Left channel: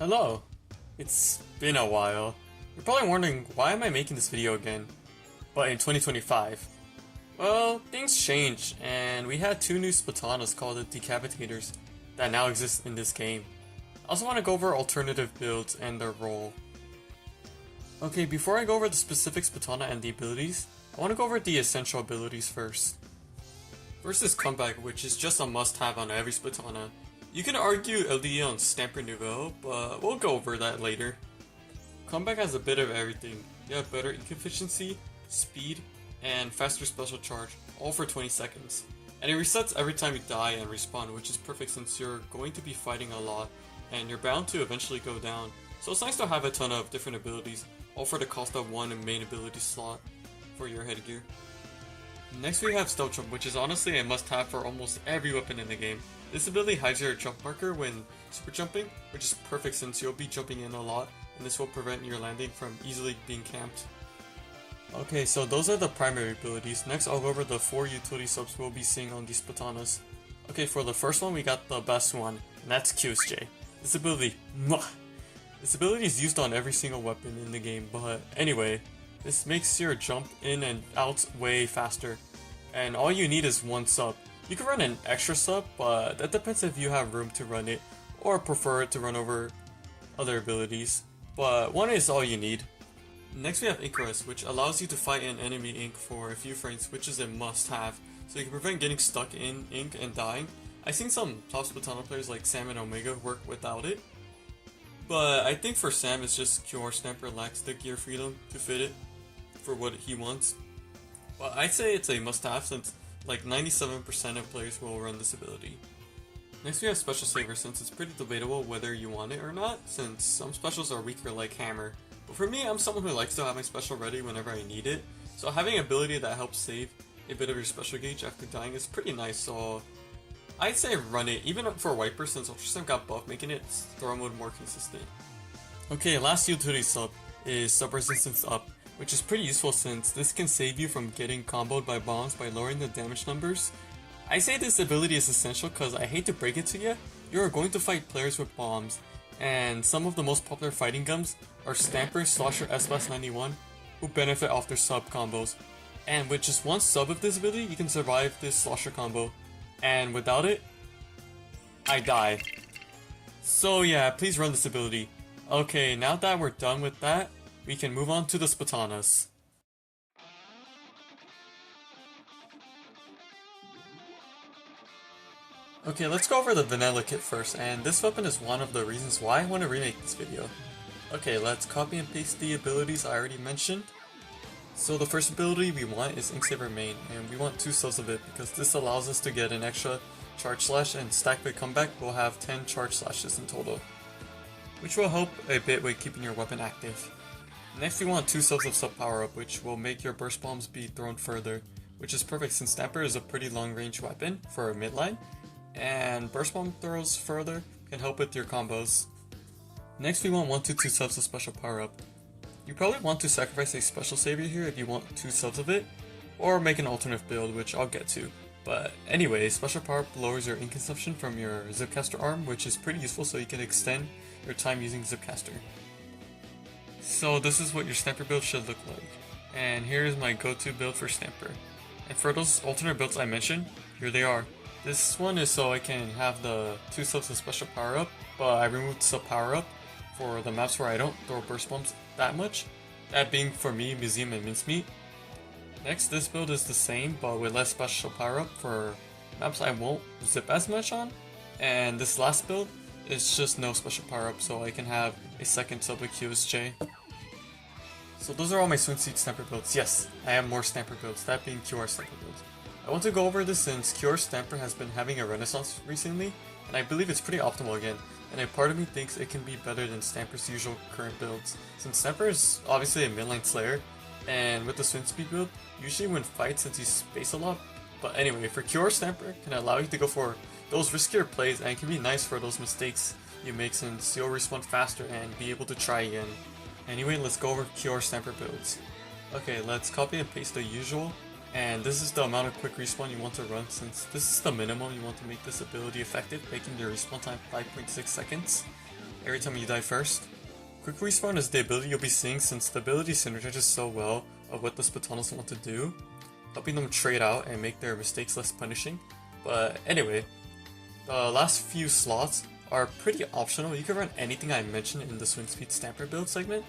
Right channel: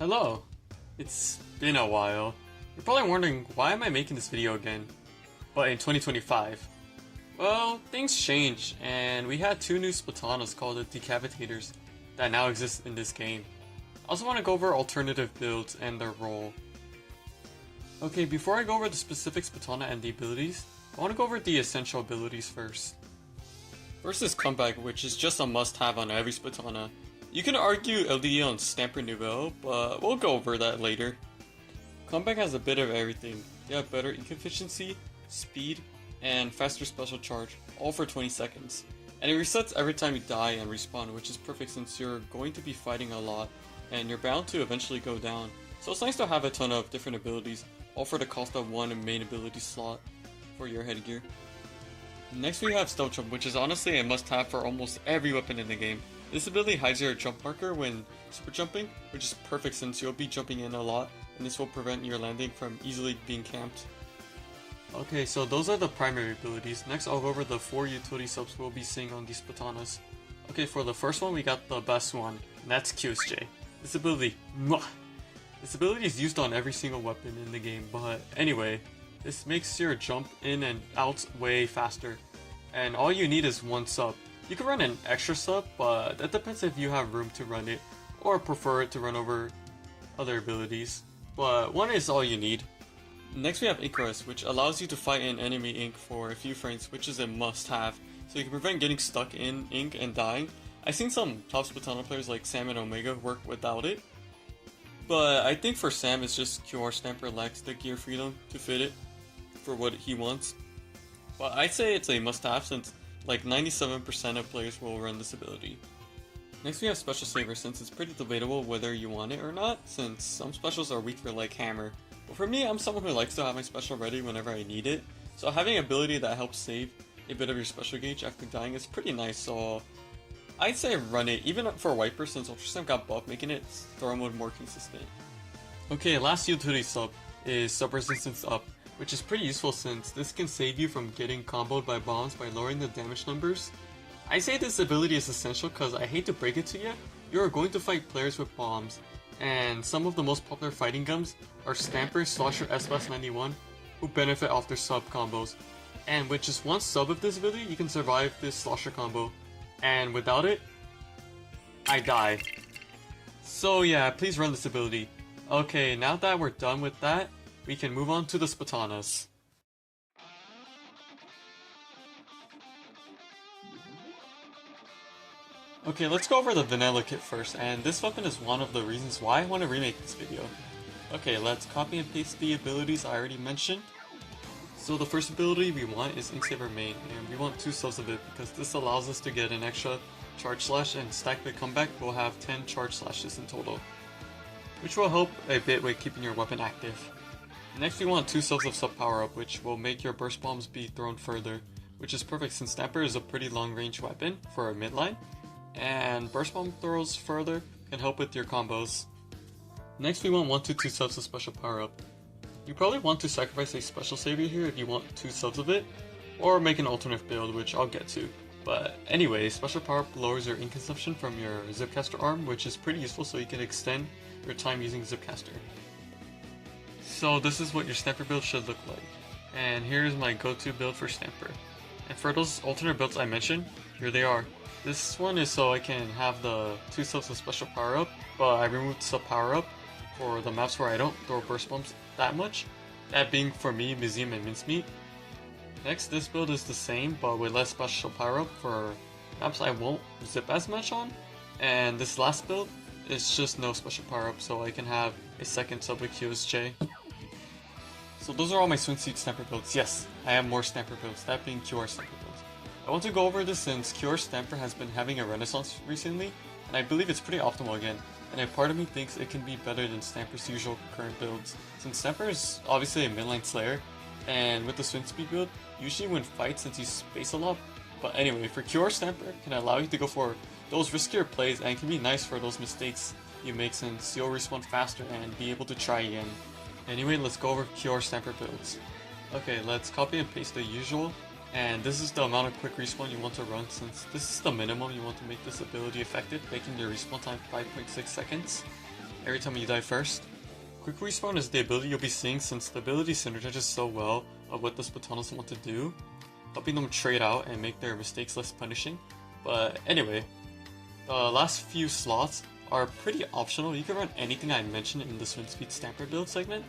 Hello! It's been a while. You're probably wondering, why am I making this video again? But in 2025. Well, things changed, and we had two new Splatanas called the Decavitators that now exist in this game. I also want to go over alternative builds and their role. Okay, before I go over the specific Splatana and the abilities, I want to go over the essential abilities first. First is Comeback, which is just a must-have on every Splatana. You can argue LDE on Stamper Nouveau, but we'll go over that later. Comeback has a bit of everything. They have better ink efficiency, speed, and faster special charge, all for 20 seconds. And it resets every time you die and respawn, which is perfect since you're going to be fighting a lot, and you're bound to eventually go down. So it's nice to have a ton of different abilities, all for the cost of one main ability slot for your headgear. Next we have Stealth Jump, which is honestly a must-have for almost every weapon in the game. This ability hides your jump marker when super jumping, which is perfect since you'll be jumping in a lot, and this will prevent your landing from easily being camped. Okay, so those are the primary abilities. Next I'll go over the 4 utility subs we'll be seeing on these Splatanas. Okay, for the first one we got the best one, and that's QSJ. This ability, This ability is used on every single weapon in the game, but anyway, this makes your jump in and out way faster, and all you need is one sub. You can run an extra sub, but that depends if you have room to run it, or prefer it to run over other abilities, but one is all you need. Next we have Ink Rest, which allows you to fight an enemy ink for a few frames, which is a must-have, so you can prevent getting stuck in ink and dying. I've seen some top Splatana players like Sam and Omega work without it, but I think for Sam it's just QR Stamper lacks the gear freedom to fit it for what he wants. But I'd say it's a must-have since like 97% of players will run this ability. Next we have Special Saver, since it's pretty debatable whether you want it or not, since some specials are weaker like Hammer. But for me, I'm someone who likes to have my special ready whenever I need it, so having an ability that helps save a bit of your special gauge after dying is pretty nice, so I'd say run it, even for Wiper since Ultrasound got buffed, making it throw mode more consistent. Okay, last utility sub is Sub Resistance Up, which is pretty useful since this can save you from getting comboed by bombs by lowering the damage numbers. I say this ability is essential because I hate to break it to you, you are going to fight players with bombs, and some of the most popular fighting guns are Stamper, Slosher, S-91, who benefit off their sub combos. And with just one sub of this ability, you can survive this Slosher combo, and without it, I die. So yeah, please run this ability. Okay, now that we're done with that, we can move on to the Splatanas. Okay, let's go over the vanilla kit first, and this weapon is one of the reasons why I want to remake this video. Okay, let's copy and paste the abilities I already mentioned. So the first ability we want is Ink Saver Main, and we want 2 subs of it because this allows us to get an extra charge slash, and stacked with comeback we'll have 10 charge slashes in total, which will help a bit with keeping your weapon active. Next we want 2 subs of sub power up, which will make your burst bombs be thrown further, which is perfect since Stamper is a pretty long range weapon for a midline, and burst bomb throws further can help with your combos. Next we want 1 to 2 subs of special power up. You probably want to sacrifice a special savior here if you want 2 subs of it, or make an alternate build, which I'll get to. But anyway, special power up lowers your ink consumption from your Zipcaster arm, which is pretty useful so you can extend your time using Zipcaster. So this is what your Stamper build should look like, and here's my go-to build for Stamper. And for those alternate builds I mentioned, here they are. This one is so I can have the 2 subs of special power up, but I removed sub power up for the maps where I don't throw burst bombs that much, that being for me, Museum and Mincemeat. Next, this build is the same but with less special power up for maps I won't zip as much on, and this last build is just no special power up so I can have a second sub with QSJ. So those are all my swimsuit Stamper builds. Yes, I have more Stamper builds, that being QR Stamper builds. I want to go over this since QR Stamper has been having a renaissance recently, and I believe it's pretty optimal again, and a part of me thinks it can be better than Stamper's usual current builds, since Stamper is obviously a midline slayer, and with the swim speed build, usually win fights since you space a lot. But anyway, for QR Stamper can allow you to go for those riskier plays and can be nice for those mistakes you make since you'll respawn faster and be able to try again. Anyway, let's go over QR Stamper builds. Okay, let's copy and paste the usual, and this is the amount of quick respawn you want to run since this is the minimum you want to make this ability effective, making your respawn time 5.6 seconds. every time you die first. Quick respawn is the ability you'll be seeing since the ability synergizes so well of what the Splatanas want to do, helping them trade out and make their mistakes less punishing. But anyway, the last few slots are pretty optional. You can run anything I mentioned in the Swim Speed Stamper build segment.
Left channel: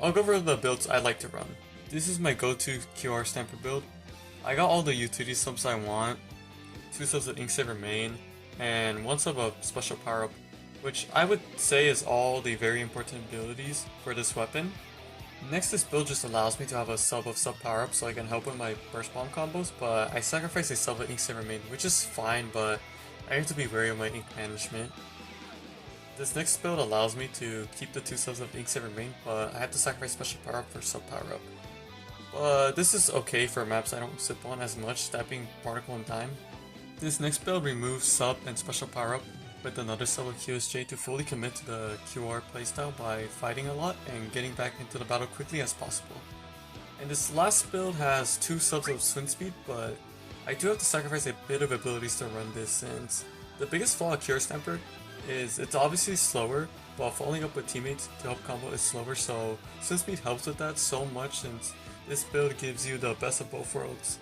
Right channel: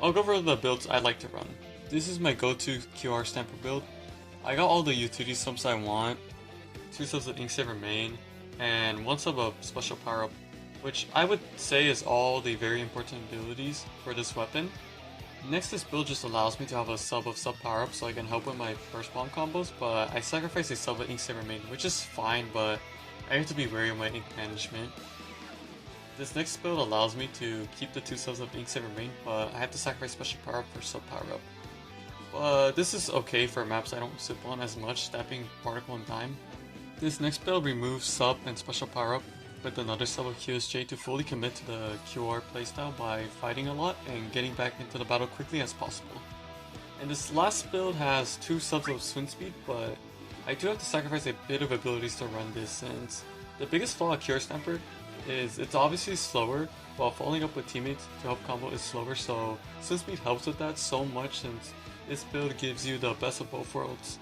I'll go over the builds I like to run. This is my go-to QR Stamper build. I got all the utility subs I want, 2 subs of Inksaver main, and 1 sub of special power-up, which I would say is all the very important abilities for this weapon. Next, this build just allows me to have a sub of sub power-up so I can help with my burst bomb combos, but I sacrifice a sub of Inksaver main, which is fine, but I have to be wary of my ink management. This next build allows me to keep the 2 subs of Inksaver main, but I have to sacrifice special power-up for sub power-up. But this is okay for maps I don't sip on as much, that being Particle and Dime. This next build removes sub and special power-up with another sub of QSJ to fully commit to the QR playstyle by fighting a lot and getting back into the battle quickly as possible. And this last build has 2 subs of swim speed, but I do have to sacrifice a bit of abilities to run this since the biggest flaw of QR Stamper is it's obviously slower, while following up with teammates to help combo is slower, so swim speed helps with that so much since this build gives you the best of both worlds.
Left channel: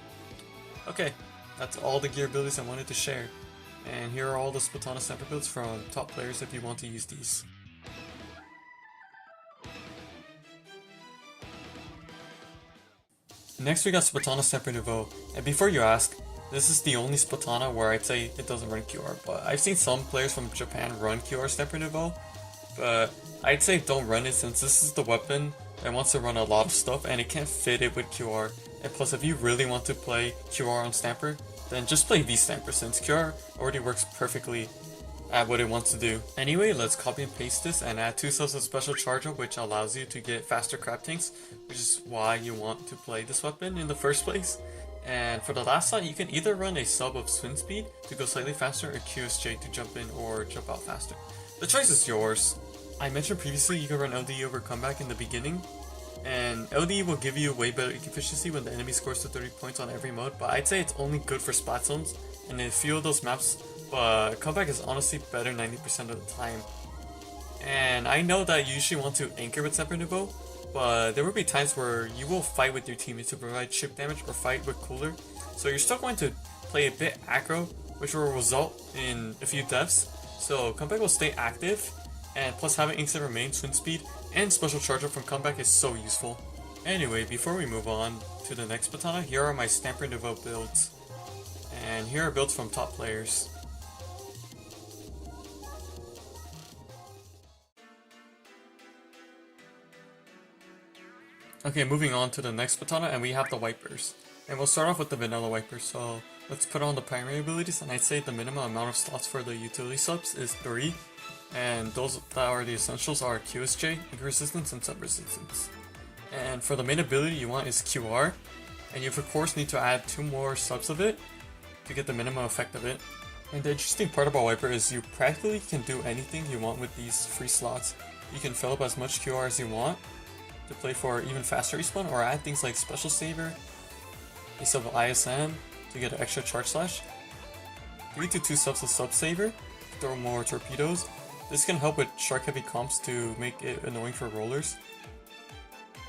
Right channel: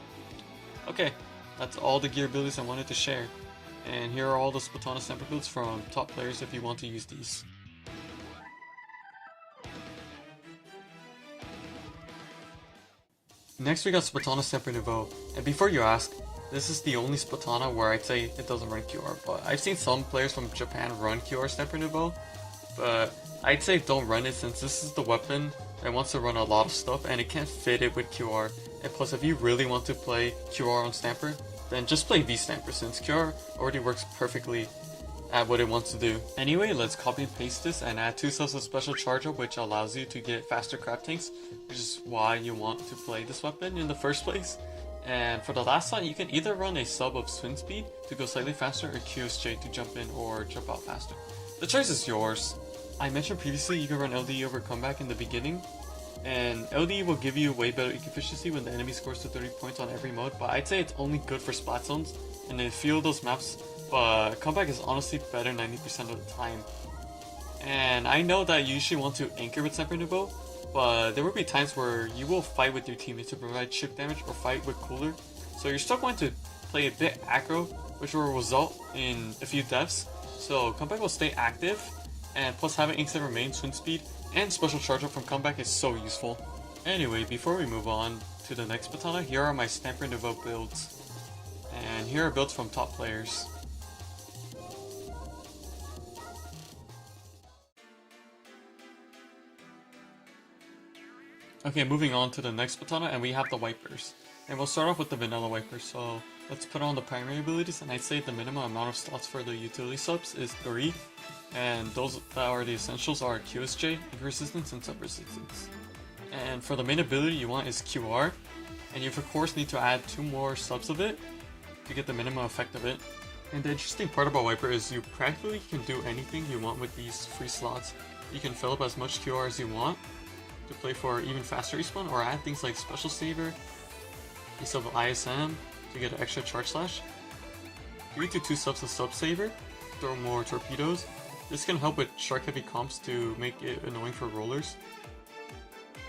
Okay, that's all the gear abilities I wanted to share. And here are all the Splatana Stamper builds from top players if you want to use these. Next we got Splatana Stamper Nouveau, and before you ask, this is the only Splatana where I'd say it doesn't run QR, but I've seen some players from Japan run QR Stamper Nouveau, but I'd say don't run it since this is the weapon that wants to run a lot of stuff and it can't fit it with QR, and plus if you really want to play QR on Stamper, then just play V-Stamper since QR already works perfectly at what it wants to do. Anyway, let's copy and paste this and add 2 subs of special charge up, which allows you to get faster crab tanks, which is why you want to play this weapon in the first place. And for the last slot, you can either run a sub of swim speed to go slightly faster or QSJ to jump in or jump out faster. The choice is yours. I mentioned previously you can run LDE over comeback in the beginning, and LDE will give you way better efficiency when the enemy scores to 30 points on every mode, but I'd say it's only good for splat zones and in a few of those maps, but comeback is honestly better 90% of the time. And I know that you usually want to anchor with Stamper Nouveau, but there will be times where you will fight with your teammates to provide chip damage or fight with cooler, so you're still going to play a bit aggro, which will result in a few deaths, so comeback will stay active, and plus having Inksaver main, swim speed, and special charge up from comeback is so useful. Anyway, before we move on to the next Splatana, here are my Stamper Nouveau builds, and here are builds from top players. Okay, moving on to the next Splatana, and we have the Wipers. And we'll start off with the vanilla Wiper, so let's put on the primary abilities, and I'd say the minimum amount of slots for the utility subs is 3, and those that are the essentials are QSJ, ink resistance, and sub resistance. And for the main ability you want is QR, and you of course need to add 2 more subs of it to get the minimum effect of it. And the interesting part about Wiper is you practically can do anything you want with these free slots. You can fill up as much QR as you want to play for even faster respawn, or add things like Special Saver, a sub of ISM to get an extra charge slash, 3 to 2 subs of Sub Saver, throw more torpedoes. This can help with shark heavy comps to make it annoying for rollers.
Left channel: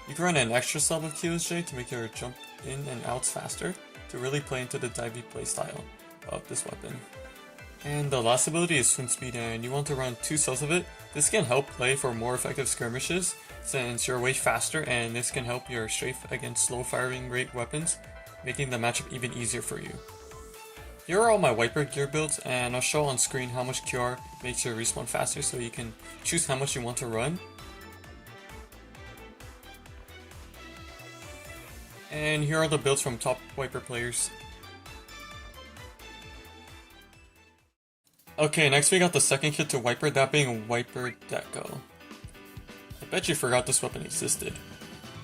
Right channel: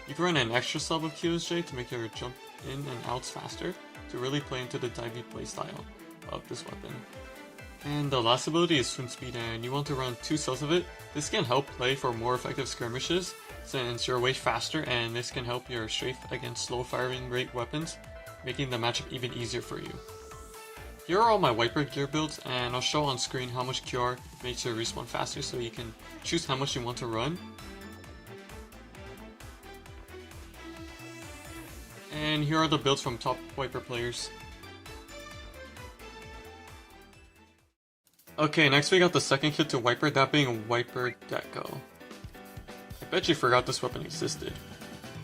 You can run an extra sub of QSJ to make your jump in and outs faster to really play into the divey playstyle of this weapon. And the last ability is swim speed, and you want to run 2 subs of it. This can help play for more effective skirmishes since you're way faster, and this can help your strafe against slow firing rate weapons, making the matchup even easier for you. Here are all my Wiper gear builds, and I'll show on screen how much QR makes your respawn faster so you can choose how much you want to run. And here are the builds from top Wiper players. Okay, next we got the second kit to Wiper, that being Wiper Deco. I bet you forgot this weapon existed.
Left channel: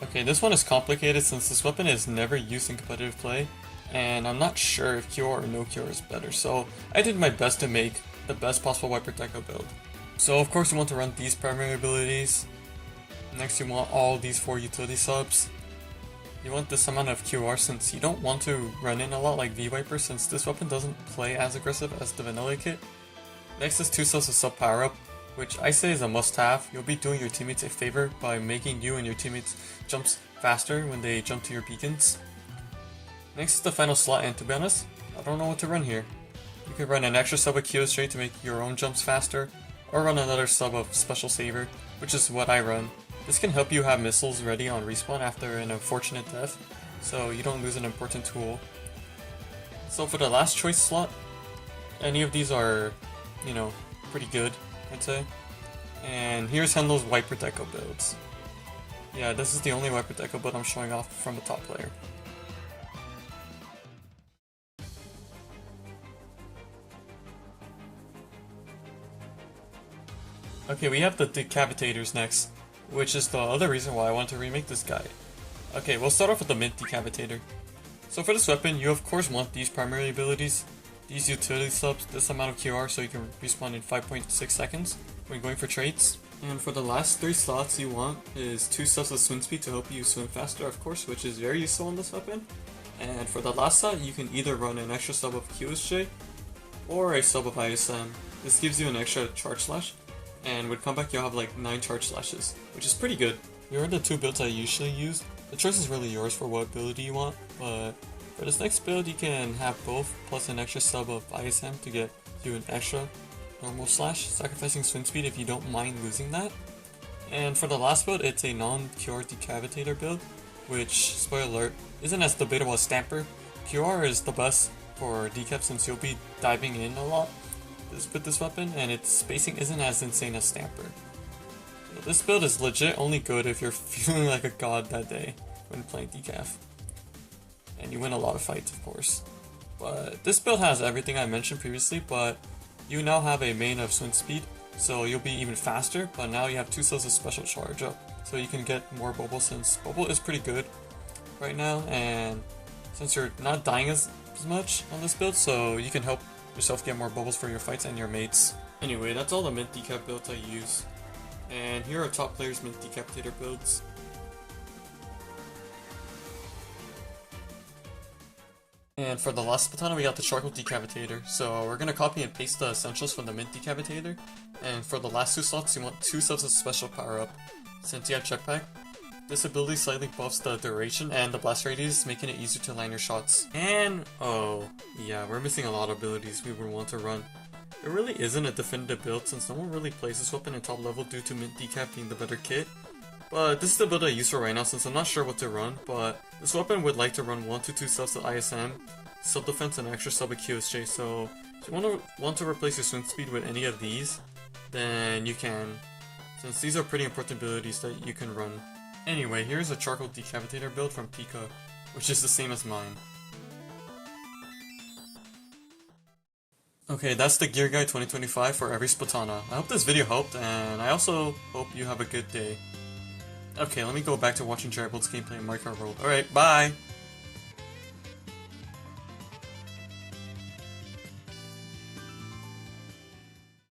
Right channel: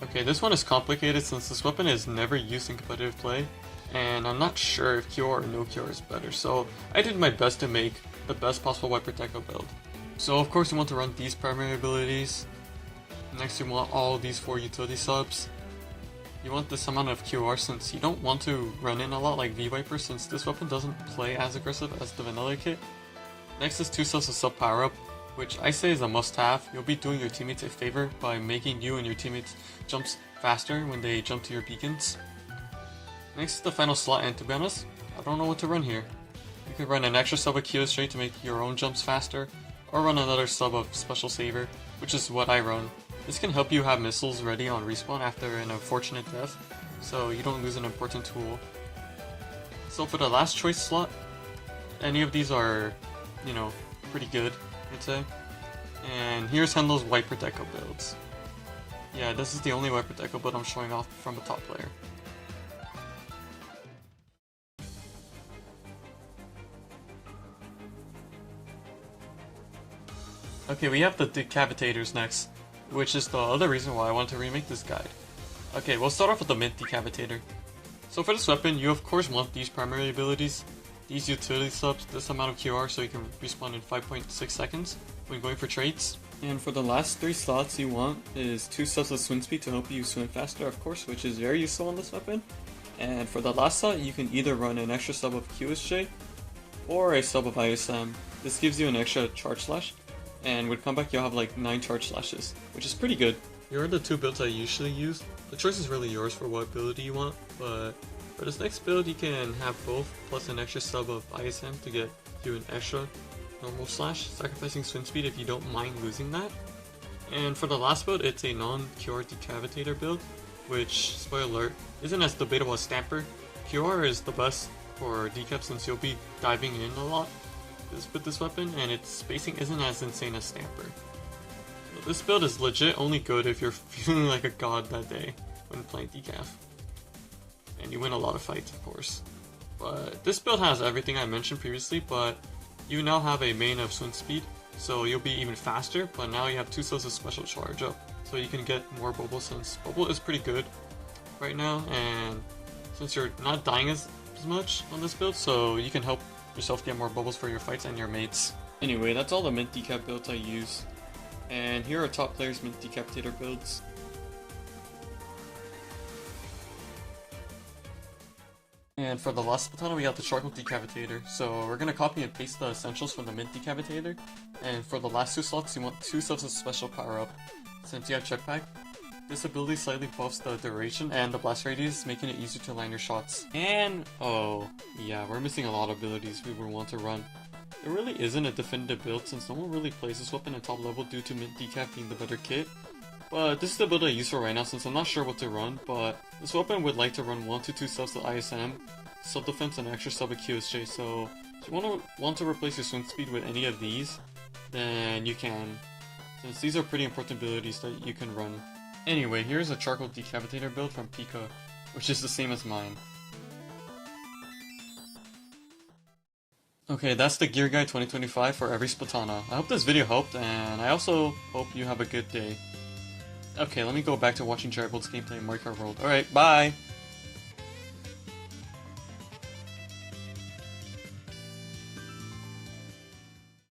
Okay, this one is complicated since this weapon is never used in competitive play, and I'm not sure if QR or no QR is better, so I did my best to make the best possible Wiper Deco build. So of course you want to run these primary abilities. Next you want all these 4 utility subs. You want this amount of QR since you don't want to run in a lot like V-Wiper since this weapon doesn't play as aggressive as the vanilla kit. Next is 2 subs of sub power up, which I say is a must-have. You'll be doing your teammates a favor by making you and your teammates jumps faster when they jump to your beacons. Next is the final slot, and to be honest, I don't know what to run here. You could run an extra sub of Kyo straight to make your own jumps faster, or run another sub of Special Saver, which is what I run. This can help you have missiles ready on respawn after an unfortunate death, so you don't lose an important tool. So for the last choice slot, any of these are, you know, pretty good, I'd say. And here's Henlo's Wiper Deco builds. Yeah, this is the only Wiper Deco build I'm showing off from the top player. Okay, we have the Decavitators next, which is the other reason why I wanted to remake this guide. Okay, we'll start off with the Mint Decavitator. So for this weapon, you of course want these primary abilities, these utility subs, this amount of QR so you can respawn in 5.6 seconds when going for traits. And for the last 3 slots you want is 2 subs of swim speed to help you swim faster, of course, which is very useful on this weapon. And for the last slot, you can either run an extra sub of QSJ or a sub of ISM. This gives you an extra charge slash, and with comeback you'll have like 9 charge slashes, which is pretty good. Here are the 2 builds I usually use. The choice is really yours for what ability you want, but for this next build you can have both plus an extra sub of ISM to get you an extra normal slash, sacrificing swim speed if you don't mind losing that. And for the last build, it's a non-QR Decavitator build, which, spoiler alert, isn't as debatable as Stamper. QR is the best for decap since you'll be diving in a lot with this weapon, and its spacing isn't as insane as Stamper. So this build is legit only good if you're feeling like a god that day when playing decaf. And you win a lot of fights, of course. But this build has everything I mentioned previously, but you now have a main of swim speed, so you'll be even faster, but now you have 2 cells of special charge up, so you can get more bubble since bubble is pretty good right now, and since you're not dying as much on this build, so you can help yourself get more bubbles for your fights and your mates. Anyway, that's all the Mint Decap builds I use, and here are top players' Mint Decapitator builds. And for the last Splatana, we got the Charcoal Decavitator. So we're gonna copy and paste the essentials from the Mint Decavitator. And for the last 2 slots, you want 2 subs of special power up. Since you have check pack, this ability slightly buffs the duration and the blast radius, making it easier to land your shots. And oh yeah, we're missing a lot of abilities we would want to run. There really isn't a definitive build since no one really plays this weapon in top level due to Mint Decap being the better kit. But this is the build I use for right now since I'm not sure what to run, but this weapon would like to run 1 to 2 subs of ISM, sub defense, and extra sub of QSJ, so if you want to replace your swim speed with any of these, then you can, since these are pretty important abilities that you can run. Anyway, here's a Charcoal Decavitator build from Pika, which is the same as mine. Okay, that's the Gear Guide 2025 for every Splatana. I hope this video helped, and I also hope you have a good day. Okay, let me go back to watching Daredevil's gameplay in Minecraft World. Alright, bye!